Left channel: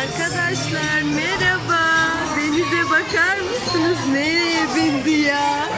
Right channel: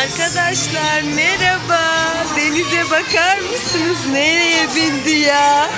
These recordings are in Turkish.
Arkadaşlar merhaba. Denize bakar mısınız? Nereye bindi ya?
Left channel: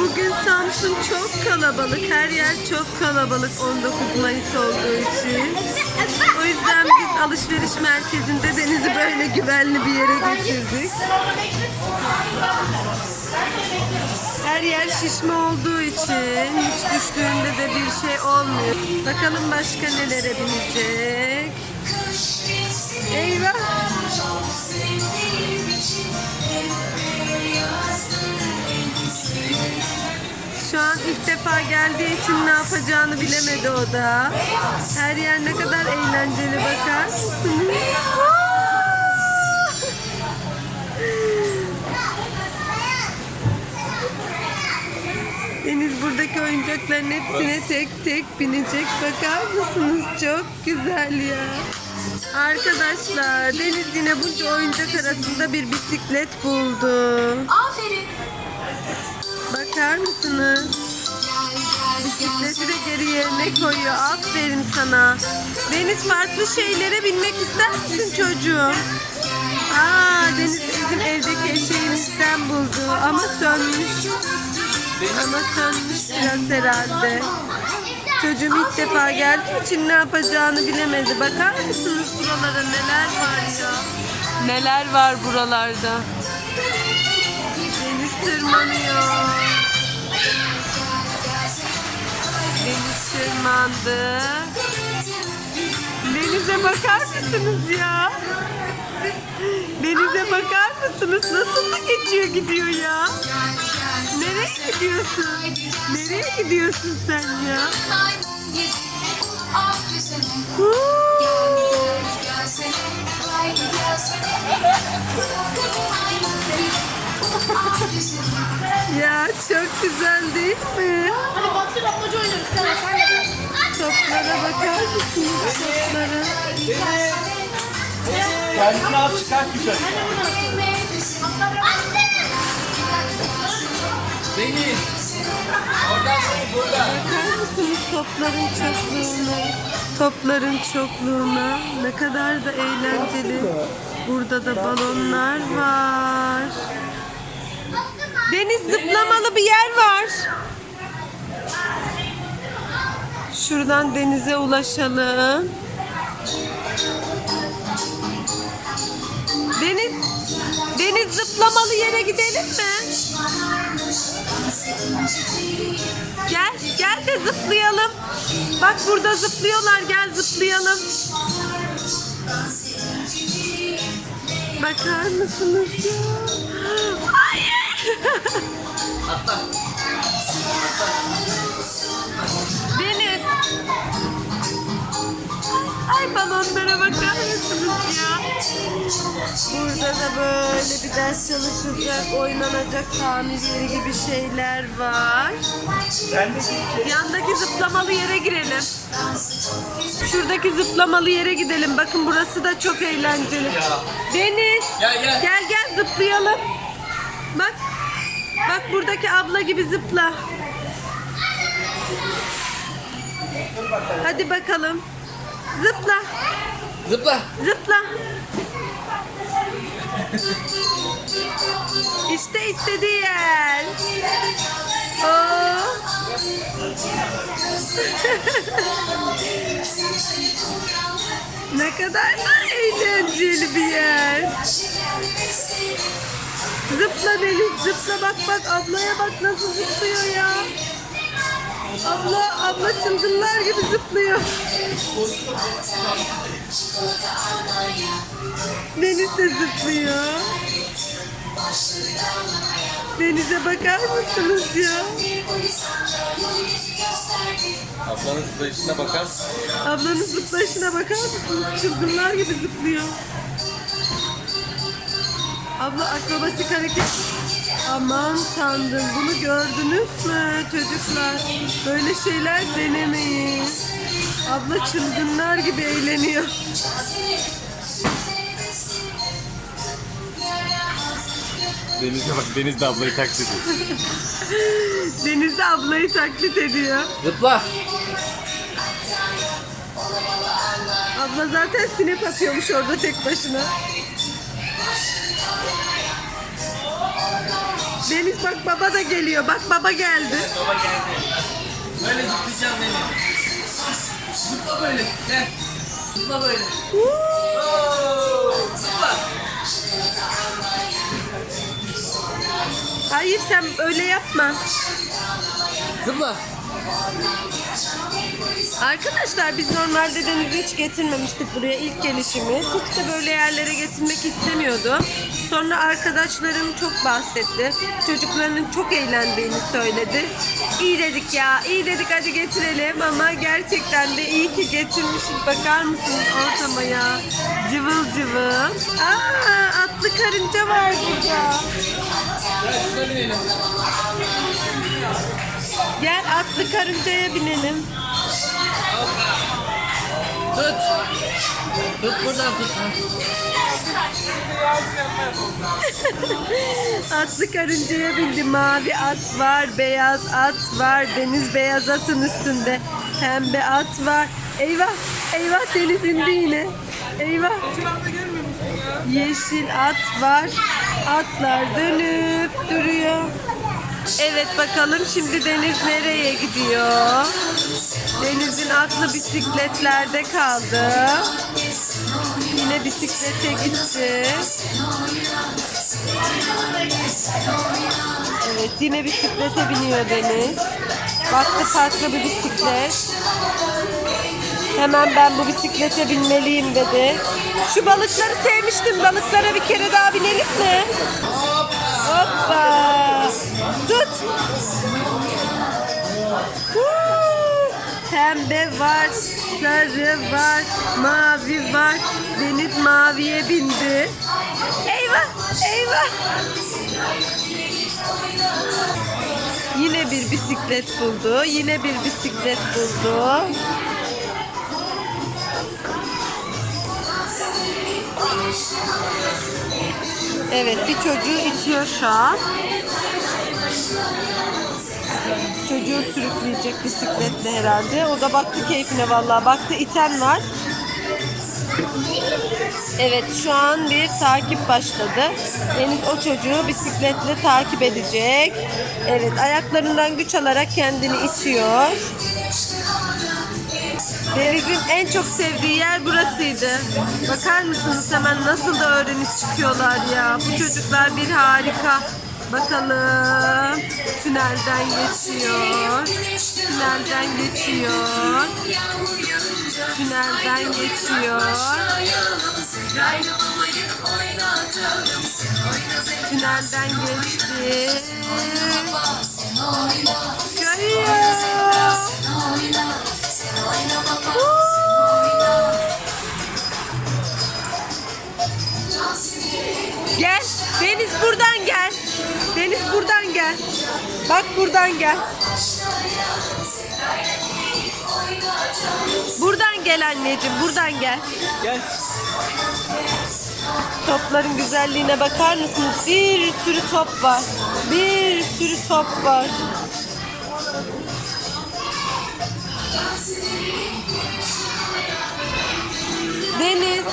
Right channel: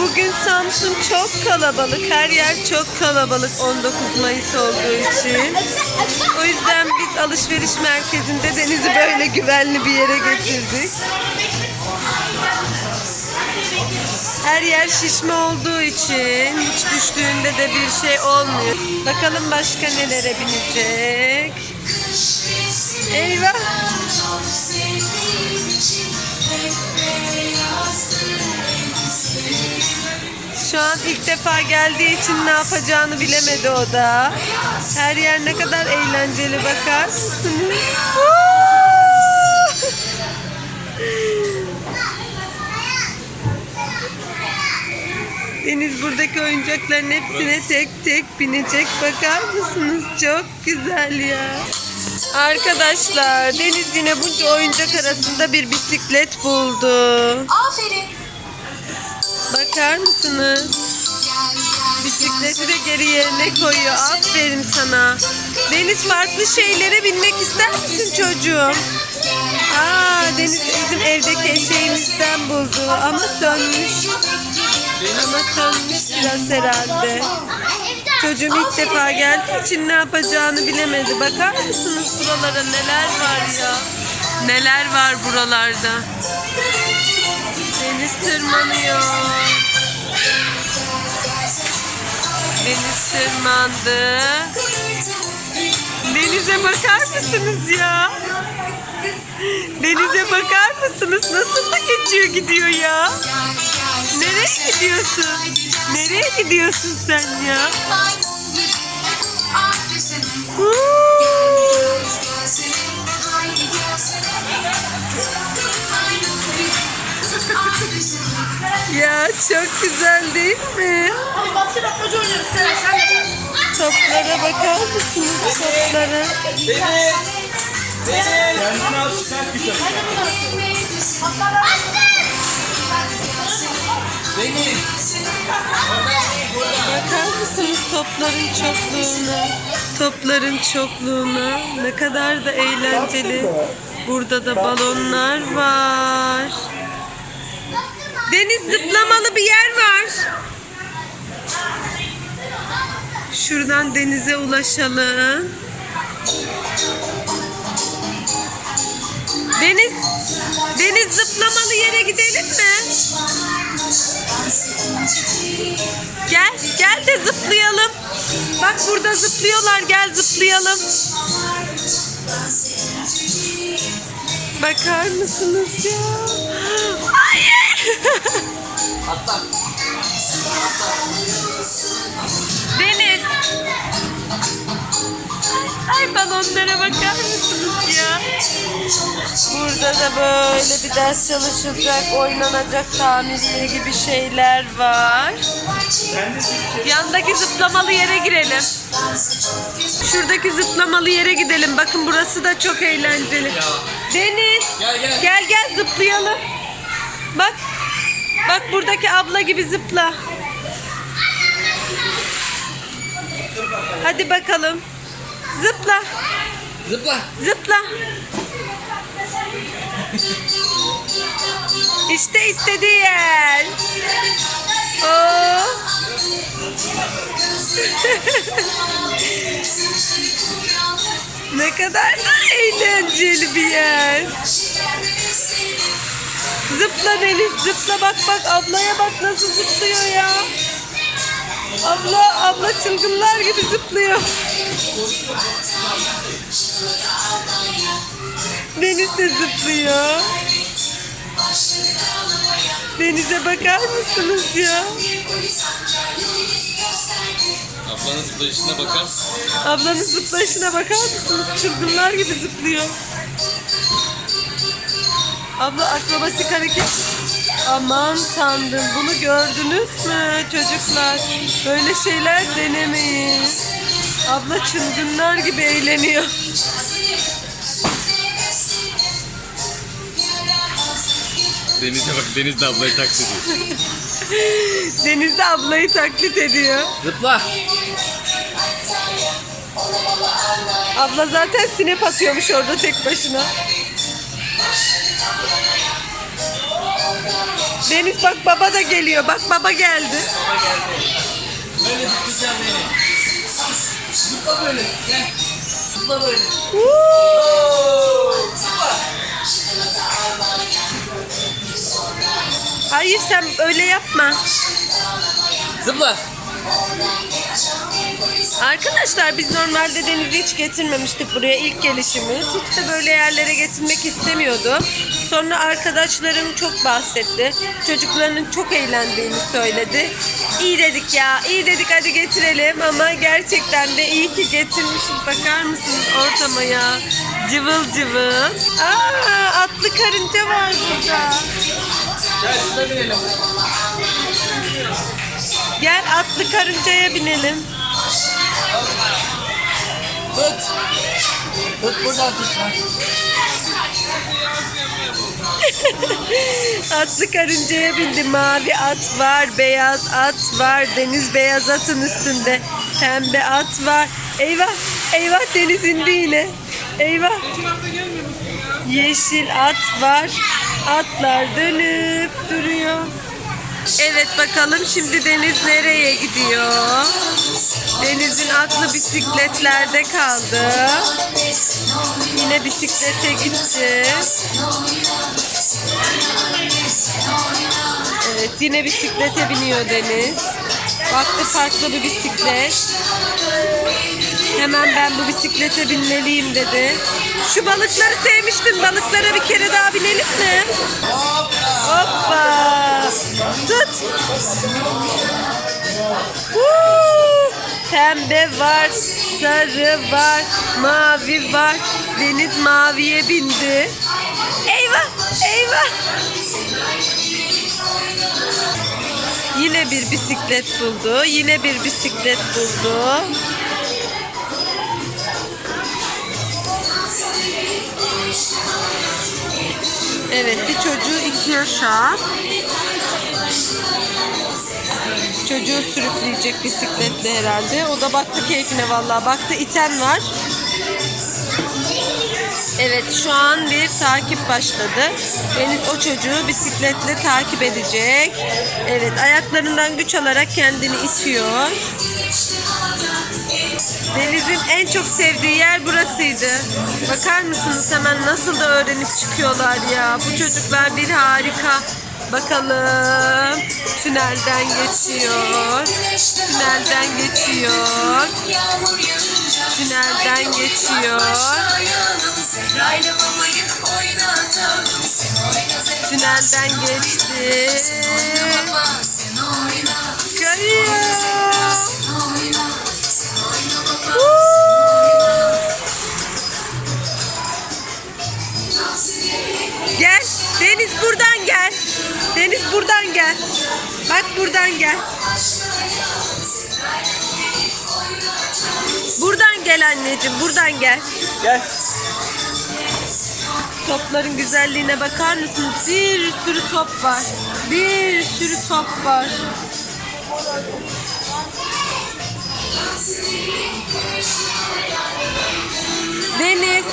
Bugün Samsun çok kalabalık. Her yer çok kalabalık 19 Mayıs olduğu için. O yüzden biz alışveriş merkezinde Deniz'i böyle güvenli bir yere getirdik. Her yer şişme olduğu için hiç düştüğünde de bir şey olmuyor. Bakalım başka nelere binecek. Eyvah. Şu an ilk defa geldiği için ne yapacağını bilemedi o da. Her yer ne kadar eğlenceli bakar mısınız? Deniz buradaki oyuncakların hepsine tek tek binecek. Bakar mısınız? Çok güzel ya. Arkadaşlar Deniz yine bunca oyuncak arasında bir bisiklet buldu. Aferin. Bakar mısınız? Bisikleti de geri yerine koyuyor. Aferin sana. Deniz farklı şeylere binmek ister misin çocuğum? Aa Deniz bizim evdeki eşeğimizden buldu ama sönmüş. Ama sönmüş biraz herhalde. Çocuğum ilk defa geldiği için ne yapacağını bilemedi. Bakar mısınız buralara neler var ya? Neler var buralarda? Deniz tırmanıyor. Deniz tırmandı. Denize bakar mısınız ya? Denize bakar mısınız? Nasıl da geçiyor gidiyor ya? Nereye gidiyorsun? Nereye gidiyorsun sen ya? Ya çok güzel değil mi? Toplara bakar mısınız toplara? Kendini al çıkart yukarı. Bakar mısınız topların çokluğuna? Topların çokluğuna. Ne kadar da eğlenceli. Burada da balonlar var. Deniz zıplamalı bir yer var. Şuradan denize ulaşalım. Deniz, deniz zıplamalı yere gidelim mi? Gel, gel de zıplayalım. Bak burada zıplıyorlar, gel zıplayalım. Bakar mısınız ya? Hayır. Deniz. Ay balonlara bakar mısınız ya? Burada da böyle bir ders çalışılacak, oynanacak tamir yeri gibi şeyler var. Yandaki zıplamalı yere girelim. Şuradaki zıplamalı yere gidelim. Bakın burası da çok eğlenceli. Deniz. Gel, gel. Gel gel zıplayalım. Bak. Bak buradaki abla gibi zıpla. Hadi bakalım. Zıpla. Zıpla. Zıpla. İşte istediği yer. Oo. ne kadar da eğlenceli bir yer. Zıpla Deniz, zıpla bak bak ablaya bak nasıl zıplıyor ya. Abla, abla çılgınlar gibi zıplıyor. Deniz de zıplıyor. Denize bakar mısınız ya? Ablanın zıplayışına bakar mısın? Ablanın zıplayışına bakar mısınız? Çılgınlar gibi zıplıyor. Abla akrobasik hareket. Aman tanrım bunu gördünüz mü çocuklar? Böyle şeyler denemeyin. Abla çılgınlar gibi eğleniyor. Deniz'e bak Deniz de ablayı taklit ediyor. Deniz de ablayı taklit ediyor. Zıpla. Abla zaten sinep atıyormuş orada tek başına. Deniz bak baba da geliyor. Bak baba geldi. Baba geldi. Böyle zıplayacağım beni. Zıpla böyle. Gel. Zıpla böyle. Zıpla. Hayır sen öyle yapma. Zıpla. Arkadaşlar biz normalde Deniz'i hiç getirmemiştik buraya ilk gelişimiz. Hiç de böyle yerlere getirmek istemiyordu. Sonra arkadaşlarım çok bahsetti. Çocuklarının çok eğlendiğini söyledi. İyi dedik ya, iyi dedik hadi getirelim ama gerçekten de iyi ki getirmişiz. Bakar mısınız ortama ya? Cıvıl cıvıl. Aa, atlı karınca var burada. Gel atlı karıncaya binelim. Tut. Tut buradan tut. Atlı karıncaya bindi. Mavi at var, beyaz at var. Deniz beyaz atın üstünde. Pembe at var. Eyvah, eyvah deniz indi yine. Eyvah. Yeşil at var. Atlar dönüp duruyor. Evet bakalım şimdi Deniz nereye gidiyor? Deniz'in aklı bisikletlerde kaldı. Yine bisiklete gitti. Evet yine bisiklete biniyor Deniz. Baktı farklı bir bisiklet. Hemen ben bu bisiklete binmeliyim dedi. Şu balıkları sevmiştin. Balıklara bir kere daha binelim mi? Hoppa. Tut. Pembe var, sarı var, mavi var. Deniz maviye bindi. Eyvah, eyvah. Yine bir bisiklet buldu. Yine bir bisiklet buldu. Evet bir çocuğu itiyor şu an. Çocuğu sürükleyecek bisikletle herhalde. O da baktı keyfine vallahi. Baktı iten var. Evet şu an bir takip başladı. Deniz o çocuğu bisikletle takip edecek. Evet ayaklarından güç alarak kendini itiyor. Deniz'in en çok sevdiği yer burasıydı. Bakar mısınız hemen nasıl da öğrenip çıkıyorlar ya. Bu çocuklar bir harika. Bakalım. Tünelden geçiyor. Tünelden geçiyor. Tünelden geçiyor. Tünelden geçti. Kayıyor. Buradan gel. Buradan gel anneciğim. Buradan gel. Gel. Topların güzelliğine bakar mısınız? Bir sürü top var. Bir sürü top var. Deniz.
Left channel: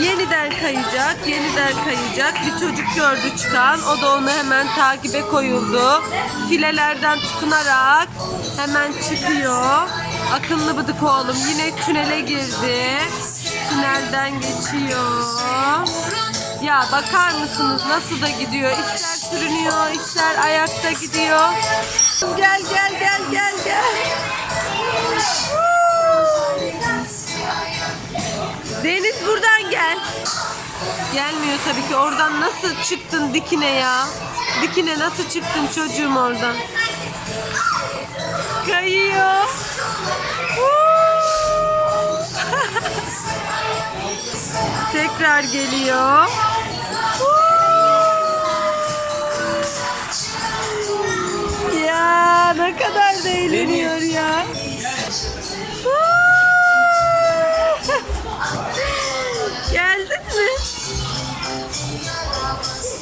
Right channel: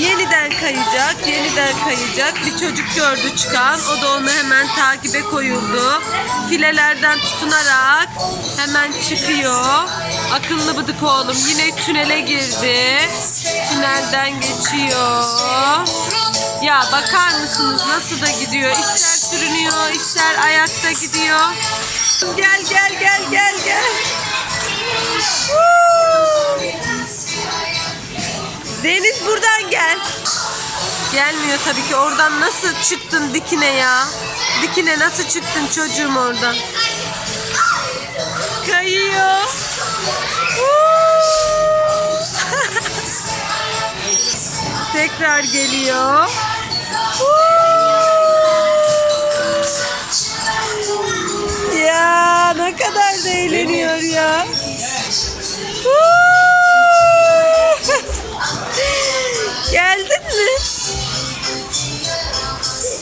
Yeniden kayacak, yeniden kayacak. Bir çocuk gördü çıkan. O da onu hemen takibe koyuldu. Filelerden tutunarak hemen çıkıyor. Akıllı bıdık oğlum yine tünele girdi. Tünelden geçiyor. Ya bakar mısınız nasıl da gidiyor? İster sürünüyor, ister ayakta gidiyor. Gel gel gel gel gel. Deniz buradan gel. Gelmiyor tabii ki. Oradan nasıl çıktın dikine ya? Dikine nasıl çıktın çocuğum oradan? Kayıyor. Tekrar geliyor. Ya ne kadar da eğleniyor ya.